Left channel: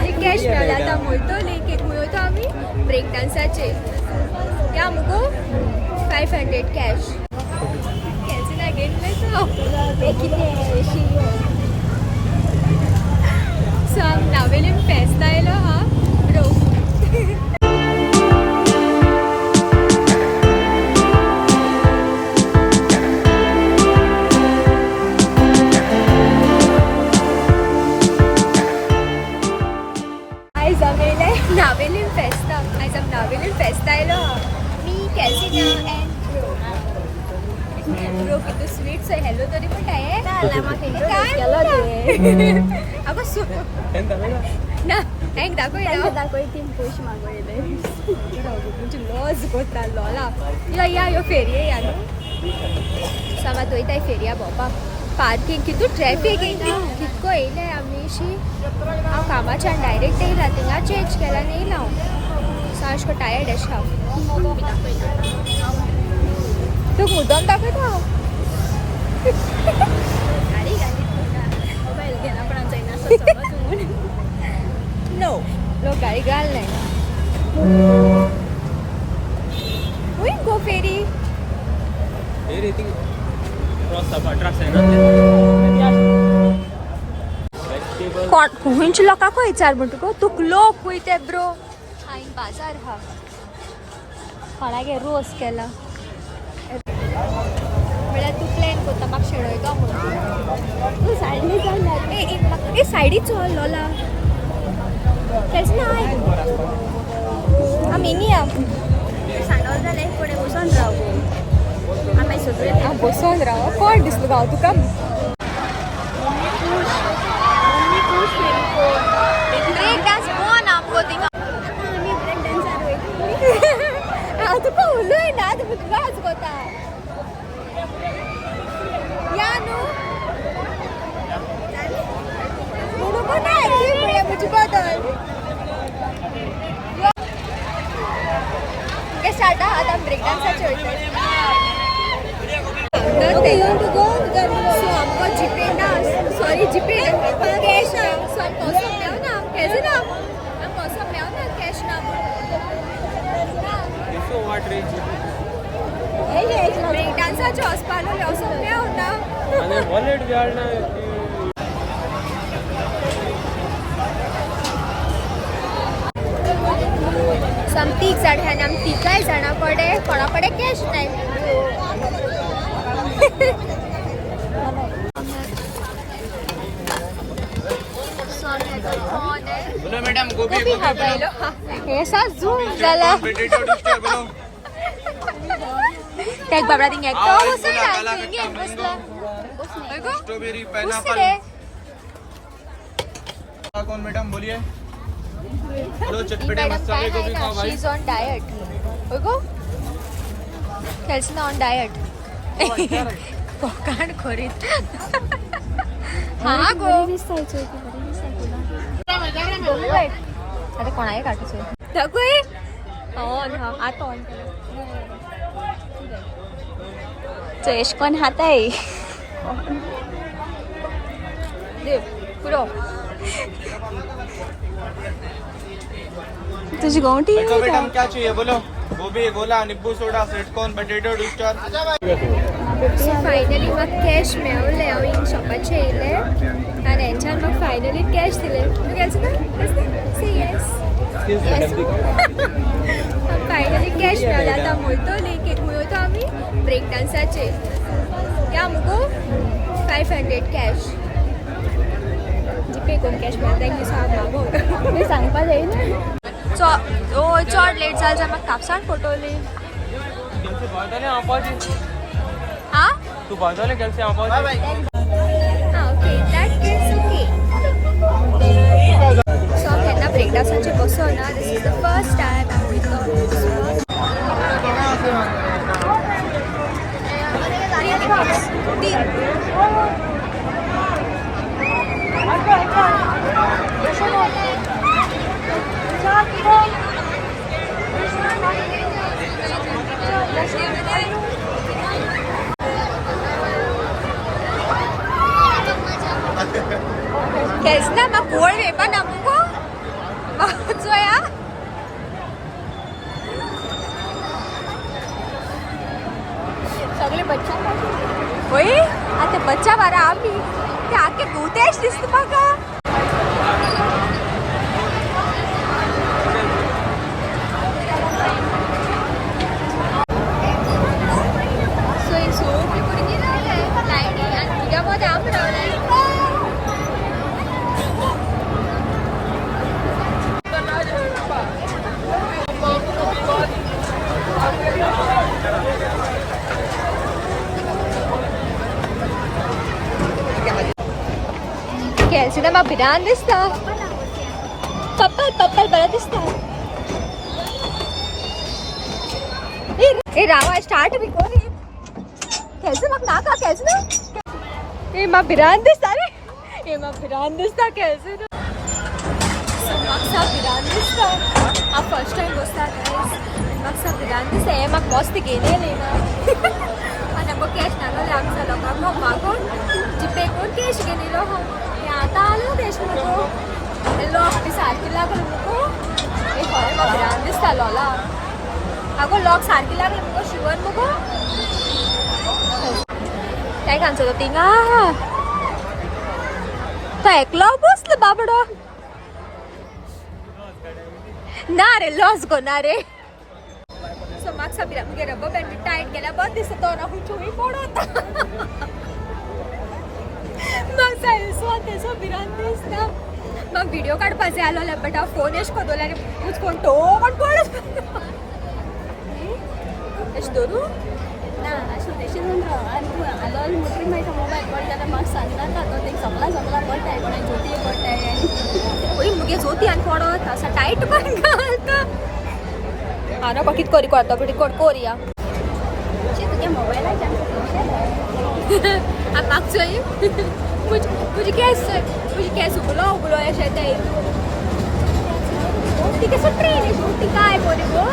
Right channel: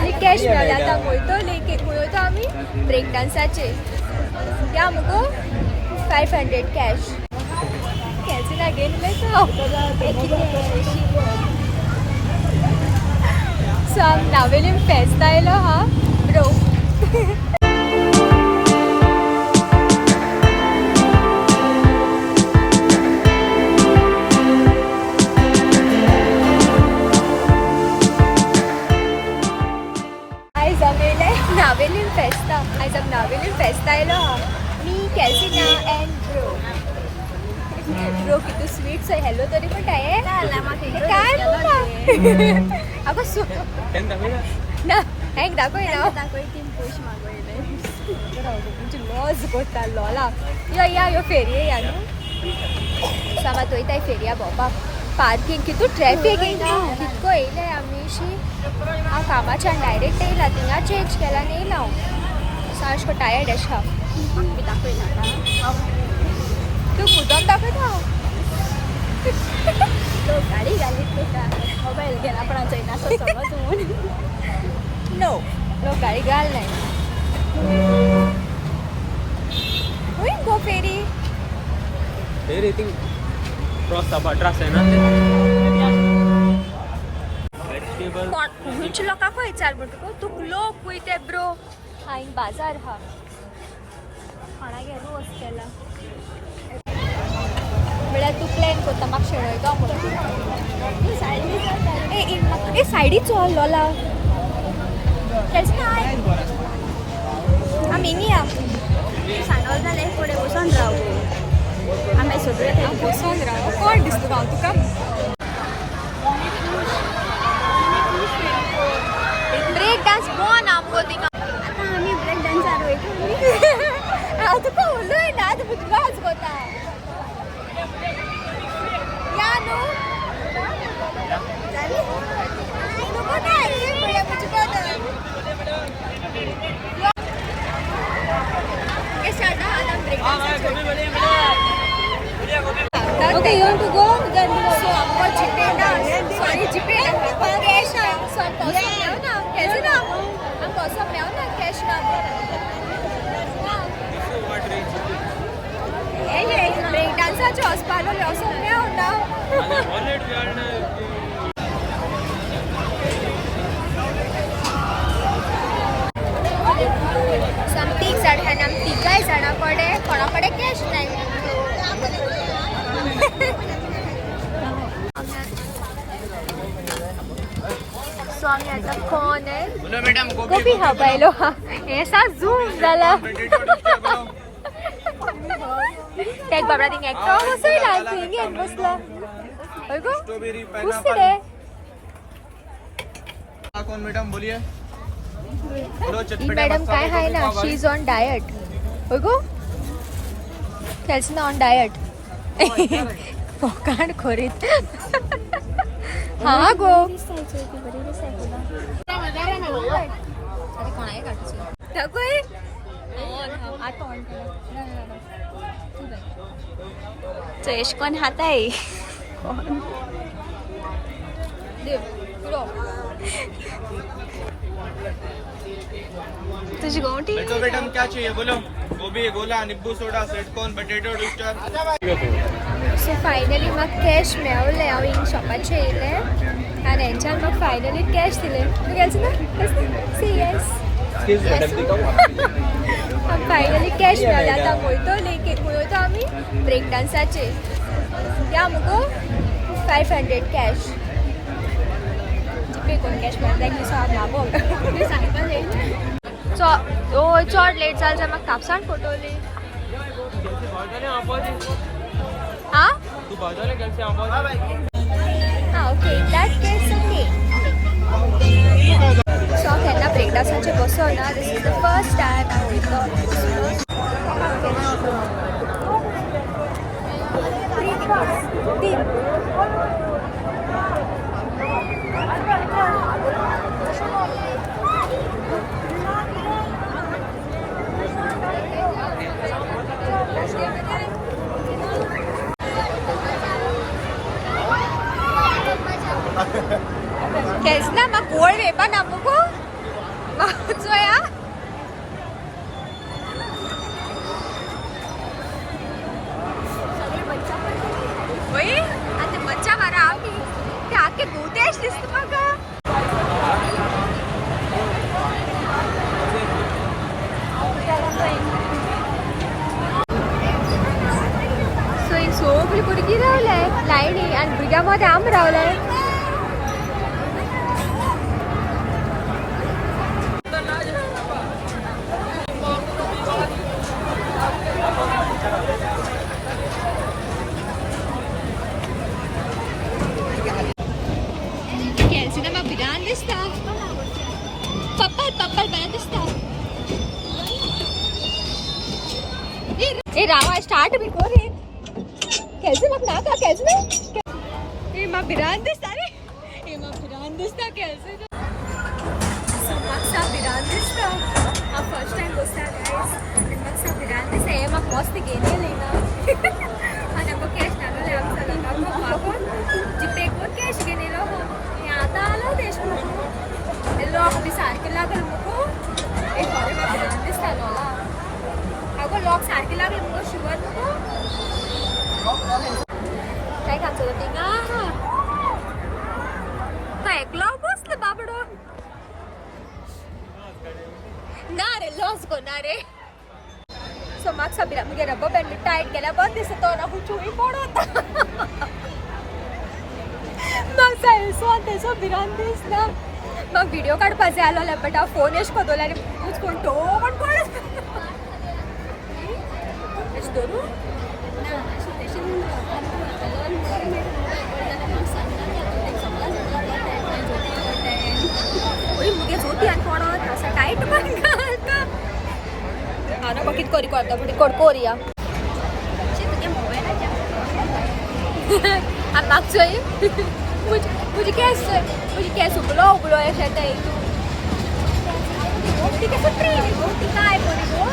Finally cash मेळ्ळें आतां वयतली वयतो आमी ब्रेक डान्साचेर या मुगो 500 कॅश कॅसीन अगेन उलयता सो आम नावेलीम फेस्त आयलो हा आयज आमी येयले नावेलीम फेस्ता आयज आमी नावेलीम फेस्त आयलो हा मी कॅसीना एंड ब्रो कितू स्वीट सो हेलो तरी पण काय अगो सो ना हेंग दाखय ना लॉज कोता लॉला यो फेरये या न्हू सामात वयताय फेरया भोंवपाक पार्किंग कितू ट्रॅफिक येयना कितको येयले आमी शी हांव कामाच्यान डायरेक्ट येयला थिंगा चेंज केला आनी येयला हांव सारको टायर्ड अशें हांव तूं मुद्दम दाखयता हांव नो लोक गाडी घालनाय हुंय गो फेरी खुंयच्या लोकांकूय विचार म्हणटा तुक लोक वयते ब्रो हांवें बाजार हा कोणागे रोस केला म्हळ्यार तूं प्लॅन करता म्हाका शेणयता म्हणून ए सायडीक चल लोला केस ना आमी हिंगा सांडोल जालें फुडें बसून राव गो आमी सगळे हांव बसून राव कोण दिसलो गो हांव तुका ब्रेक डान्स बोन आमगो थिंगा हांव तुका उलय ना तुका गाज कोता या न्हू स्टार्ट आतां ब्रेक डान्साचें सो आमकां जीपे ना सॉरी जीपे ना आमकां कॅश ना सो आमकां वचोंक मेळना कॅजी ना आमकां वचोंक मेळना कॅश ना ब्रेक डान्साचें वचपाक वचोंक मेळना तीग जाण आमी तिगाय जाणां कडेन कोणा कडेन कॅश नाय सो आमी आतां कोण मॅडम गोबी गोबी हेसा झूम जाला त्या बाबा थिंग एकटो बसयला थिंग बसला होय गो स्ट्रॉबेरी पाइनएप्पल कौन मैडम बोलिए दो चटपटे मसाले गोभी का भाई शी इज ऑन डाइट होय गो कैसे ऑन डाइट कान खोरीत हां गो आता कोणाय काटूचो दाखय ऑन हा आता ऑन केला तो एश कोण हाताय कोण दे पुरो तुझी गोंटी मैडम क्या चाहिए बोलो गोभी गोला नींबू soda sweet corn potato twister so finally म्हाका कॅश मेळ्ळें हांव हिंग शॉपाचेर येयलें आनी हेंच्यान म्हाका फायनली कॅश दिलें तूं गेलचो ना से येस फायनली कॅश मेळ्ळें आतां वयतली वयतो आमी ब्रेक डान्साचेर या मुगो 500 कॅश जीपे कोण कॅश मेळटा एक दीस हांव मागोंक सांगपा जायना चड लेट जालें जाल्यार म्हाका कापसाण फटोवली आं okay in that case okay so हांव केन्ना ब्रेक डान्साचेर बसोना this is the first time हांव वयतलो Kesna mak goal wepa namuko मागच्या बारा आम्ही ते आखे गोतेश दिसतो बघा. सगळी पुरगी रावलंय लाईनी आणि तुझ्यामध्ये आम रावलंय. कैसे ना बिरान दिसता पप्पल बरा दिसता. ए रावा स्टार्ट बिफोर रे कैसे मग नाका कैसे ना ए मा बिरान दिसता रे ए मा बिरान दिसता कैसे ना मागचा बिरान दिसता. हा फर्स्ट टाइम बसता गाइस मागचा बिरान दिसता. ए मग मस्त गेले नाही ग आणि मग कॅश नालो आमच्या लोकांना मागून जिपे कोण कॅश गेलेलो हो आता आलो देश मुको एल्लो आपली सारखी लागल मुको ए घरे मग बिरान दिसता लोला अगो लॉक सारखी लागल मुको शिवर मुको काय खांचो तो तिंगा तो एकलो बसलो बाबडो ना रे लॉस गो ना रे. सो मागचा बिरान मुगे रब्बर बँड मी टाईट केल्या बंद दिसतो ना हुचुई पडत मग सायन्सवान त्याचा बिरान दिसता. मग व्हिडिओ काढपाचे आलो बेटा फोन एश कोदोला रे मुझ कोण तो पण पडत एश दोरू ओळी मुगे जोती आणि पडत असा टाईट पण घालता. हा ना बघित कोरी करता बेटी कोड कोरिया I'm actually मुझे कैसे उबलो ऐसा है तू गोष्टी कैसे ट्रेन है गोष्टी काय बोली गो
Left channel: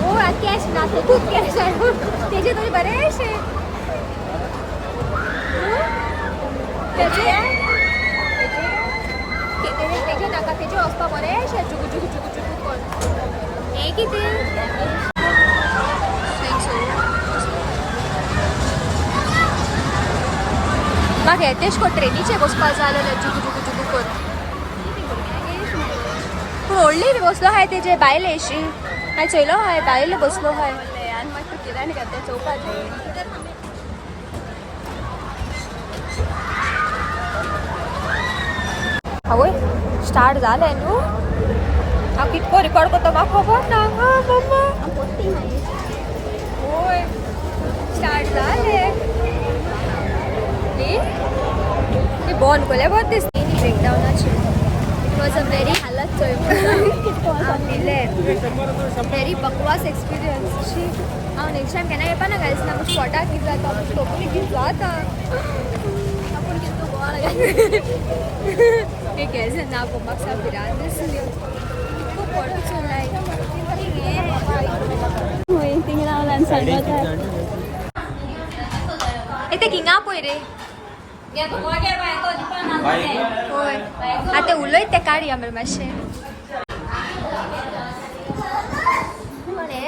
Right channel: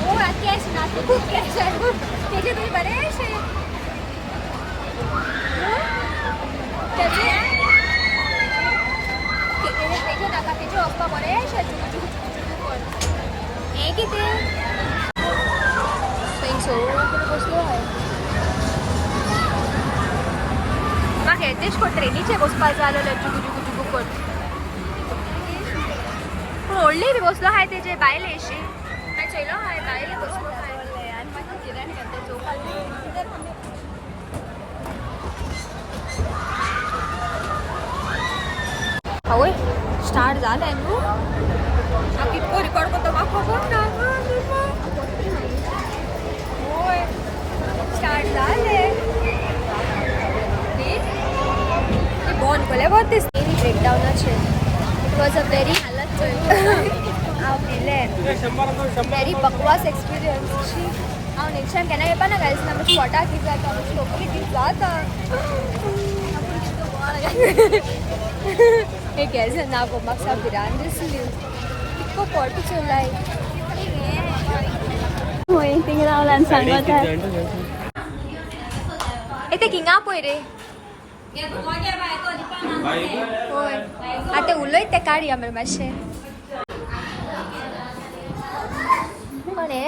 वो कैसे ना ते खूप कैसे आहे त्याचे तुम्ही बरे असे त्याचे नाका त्याचे असता बरे असे जुगु पण हे किती सो मग येतेच को ट्रेनीचे बसपा झालेलं जुगू कर पूण व्हडली बी बसलो हाय तेजे बायले अशी काय चयलो हाय बायले बसलो हाय. आवय स्टार्ट जालें न्हू हांव कितको रिकॉर्ड करता म्हाका खबर ना. हा मम्मा होय स्टार्ट जालें ते बॉन्ड कोले बहुत दिस डेली ब्रेकडाउनाचे it was a very very बकवास एक्सपिरियन्स शी हांव नेक्स्ट टायम केन्ना येवपा ना गायज ना म्हाका फोटा कित जाता म्हाका स्टोकरी कित जाता आपूण कितें बोवाळ हे केल्स ना गो म्हाका सा बिरान दिसली कितको पोट चल्लाय ए ते किंगा पळय रे होय आतां उलयत ते काडया मरे मातशें म्हणे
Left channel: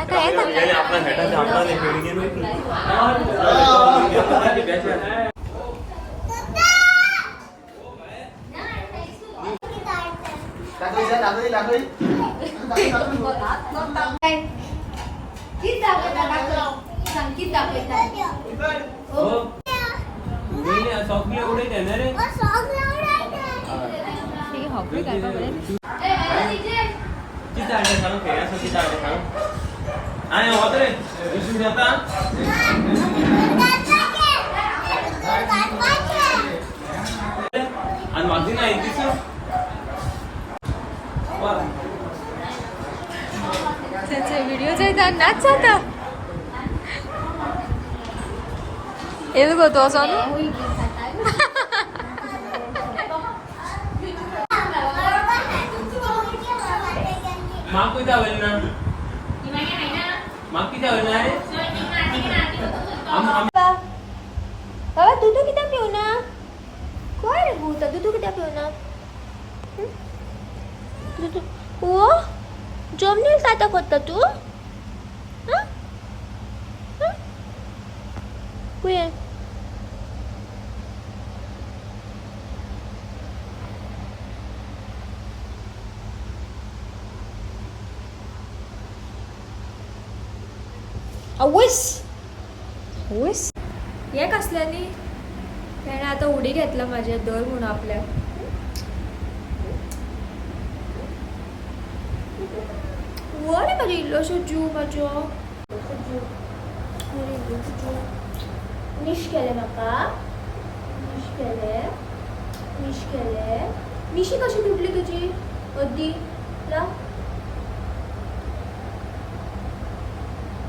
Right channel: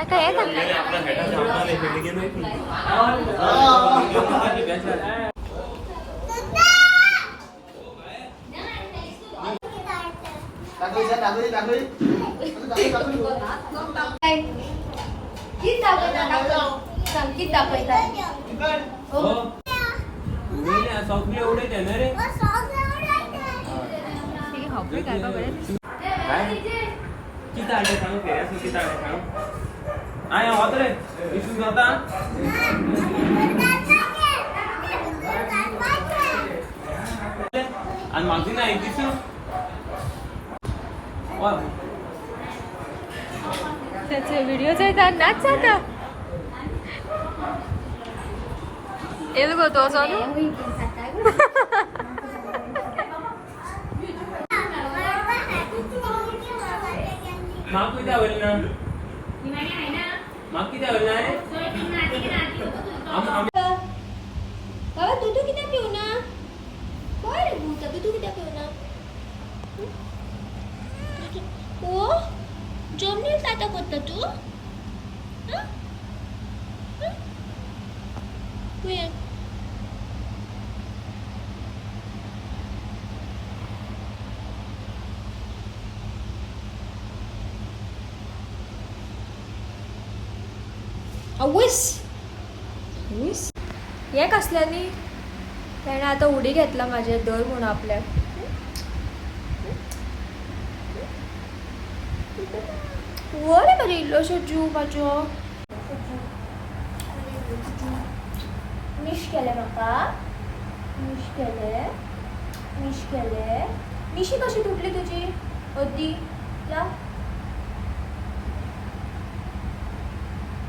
आता येता संगीत दाखवता सौखले उडे रे किती आटे सांगू फेऱ्या किती आटे सांगू आय होत रे विशू जाता आणि माझी नाही दिसू त्याचे व्हिडिओ जायता नाच जाता एलगो तो सोनू माग किती आवडली ना माग किती आवडली रे बाबा दूध किती पिऊ ना काय रे भूत दूध किती पिऊ ना ओ जमनील ताता करता तू खुंय आवस आवस हे कसल्यानी त्याने आता उडी घेतला माझ्या दर म्हणून आपल्या वर माझ्या इल्लोशो जीव माझ्यो मिश केले म्हाका मिश केले मिशी कशी तुटली तुझी अदी ला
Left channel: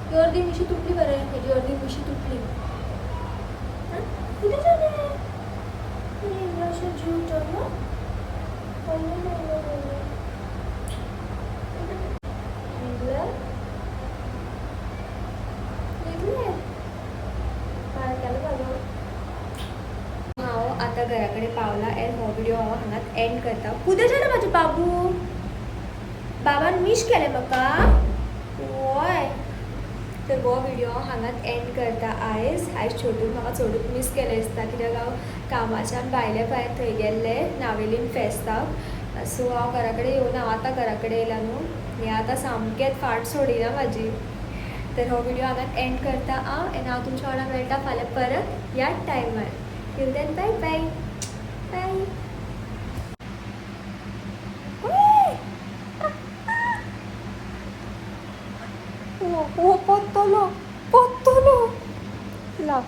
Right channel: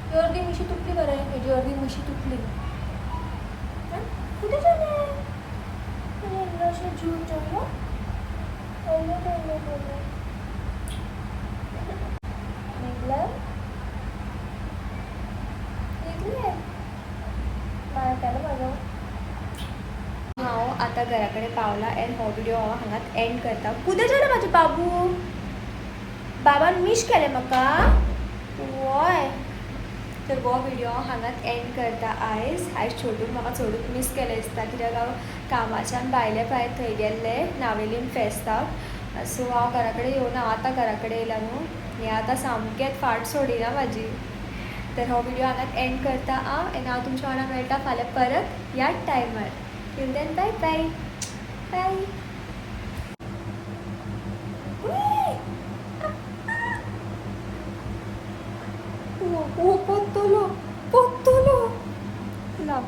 ही अर्धी मिशी तुटली बरं ह्याची अर्धी मिशी तुटली कुठे झाले अरे इल्लोशो जीव चढलो हांव आतां घरा कडेन पावला एंड हो व्हिडिओ हांव हांगाच एंड करता कुदें जालें म्हाजे बाबू बाबान मिश केलें म्हाका वय तर हो व्हिडिओ हांगाच एंड करता आयज छोटून म्हाका चडूच मिस केलें दिसता कित्याक हांव कामाच्यान भायले भायर थंय गेल्लें नावेलीम फेस्ताक सो हांव घरा कडेन येवना हांव आतां घरा कडेन येयला न्हू हें आतां सामकेंच फाट सोडिना म्हाजी तर हो व्हिडिओ हांगाच एंड करता एंड हांव तुमच्या वांगडा मेळटा फाल्यां परत ह्याच टायमार till then bye bye bye ओ पत्तलो लाव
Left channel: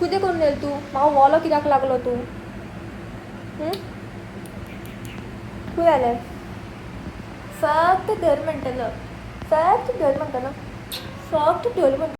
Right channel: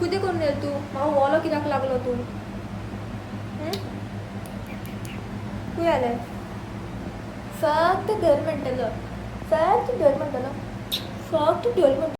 कुदे करून गेल तू म्हाका वॉलो कित्याक लागलो तू खंय जालें फक्त धर म्हणटलो फक्त धर म्हणटलो